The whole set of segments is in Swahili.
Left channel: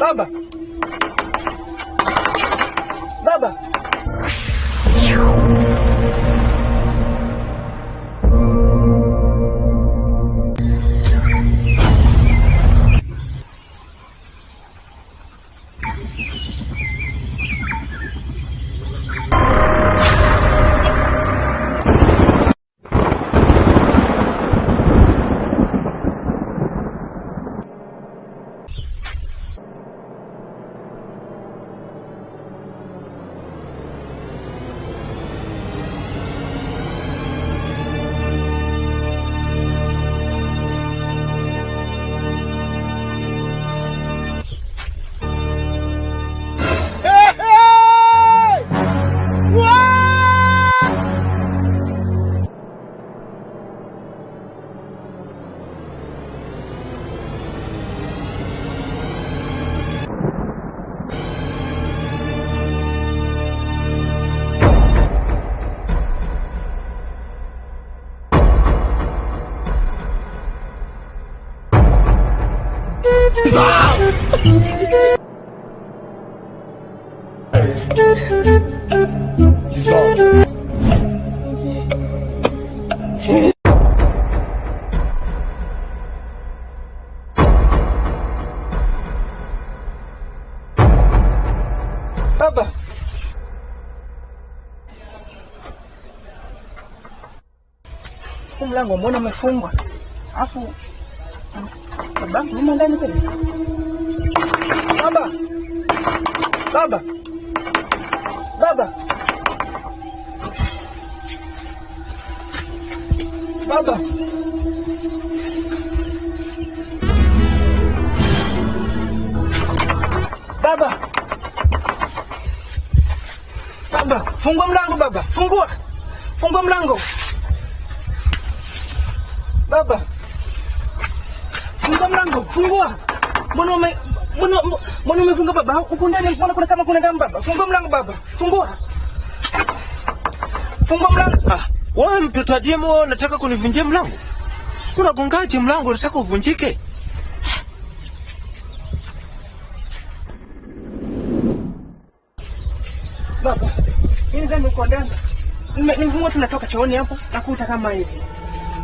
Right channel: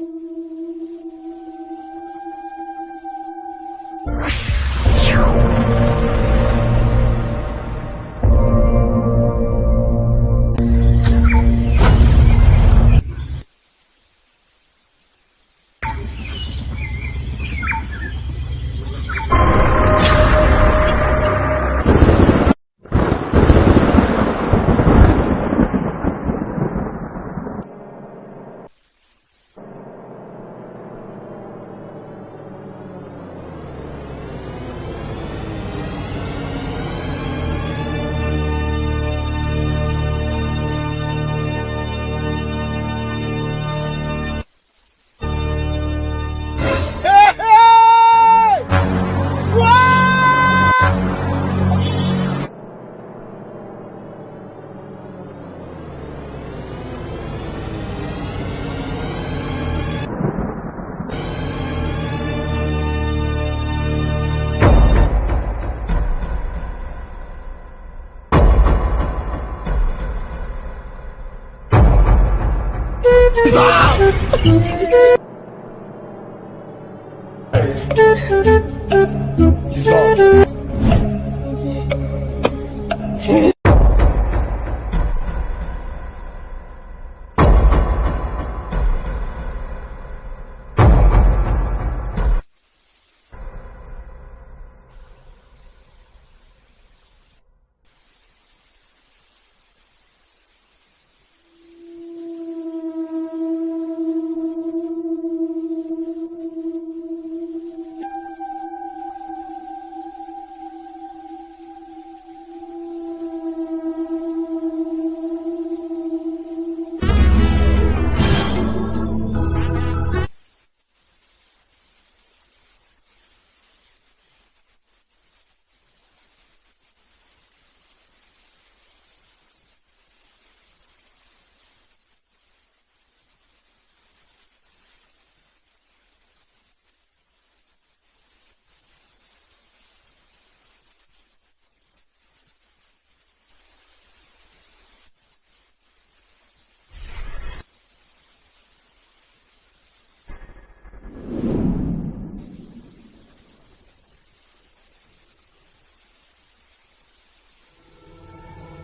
Baba. Baba. Baba. Mlango mbona umefungwa? Afu baba, nyuma ndani tena. Baba. Baba. Baba. Baba. Baba. Baba, fungua mlango baba. Fungua. Fungua mlango. Baba. Fungua mlango. Fungua. Mbona umefunga baba? Huko ndani mbona kuna kama kuna damu baba? Fungua mlango baba. Fungua. Fungua mlango. Wewe mtoto wa Jemo unataka kunivunjia mlango? Unagongaje mlango unataka uvunjike? Baba, mimi zangu kwa ndani. Nimefungua tunatoka chooni hapo na kuta kama hivi.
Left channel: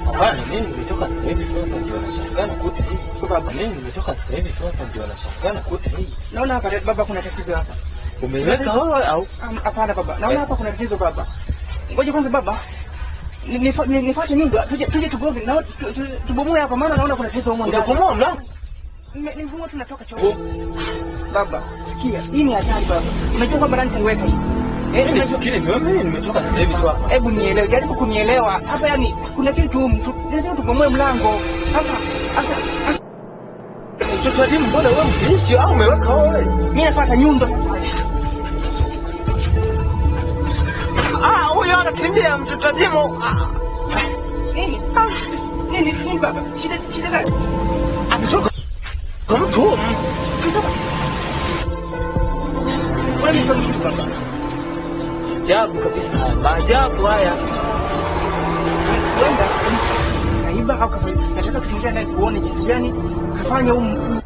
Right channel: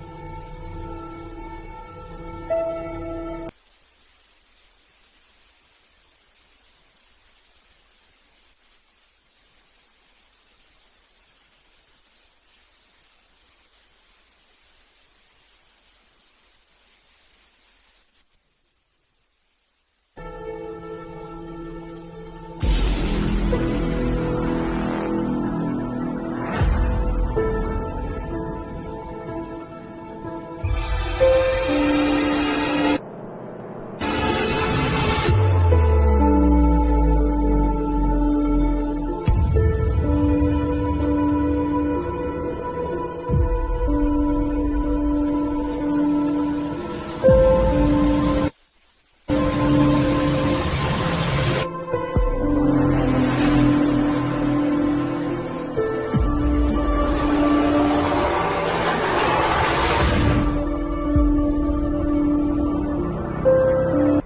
Hapana, mimi nimetoka sasa hivi tu hapa ndio nashangaa kuta hii. Baba, mimi nimetoka sasa hivi tu hapa ndio nashangaa kuta hii. Naona hapa baba kuna tatizo hapa. Umeweka wewe au? Hapana baba. Naona hapa kuna tatizo baba. Ngoja kwanza baba. Nifuate nyumba tuje tugoge na tubomoe hapa maana naona kuna tatizo huko ndani. Utabomoa mlango? Nimefungua tunatoka chooni. Baba, sikia. Hii ni hatari baba. Unajua kwamba ndani kuweka hivi. Nafikiri mimi nimetoka sasa hivi tu hapa. Hebu nielewe, jaribu kunielewa. Hapa yani kuna kitu ndio tubomoe mlango. Sasa mtoto wa Jemo mbona wewe mfilisti au umeweka wewe? Mimi nafuata nyundo sasa. Huyo anakimbia mtoto wa Jemo. Nini baba? Shida gani? Ametoka. Mtu. Unajua mtu baba. Ajabu kabisa. Maajabu haya. Aiba hapa. Nataka kuingia ndani tuone jinsi gani kafanya huko.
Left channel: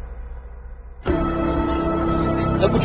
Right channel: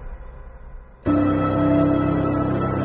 Hebu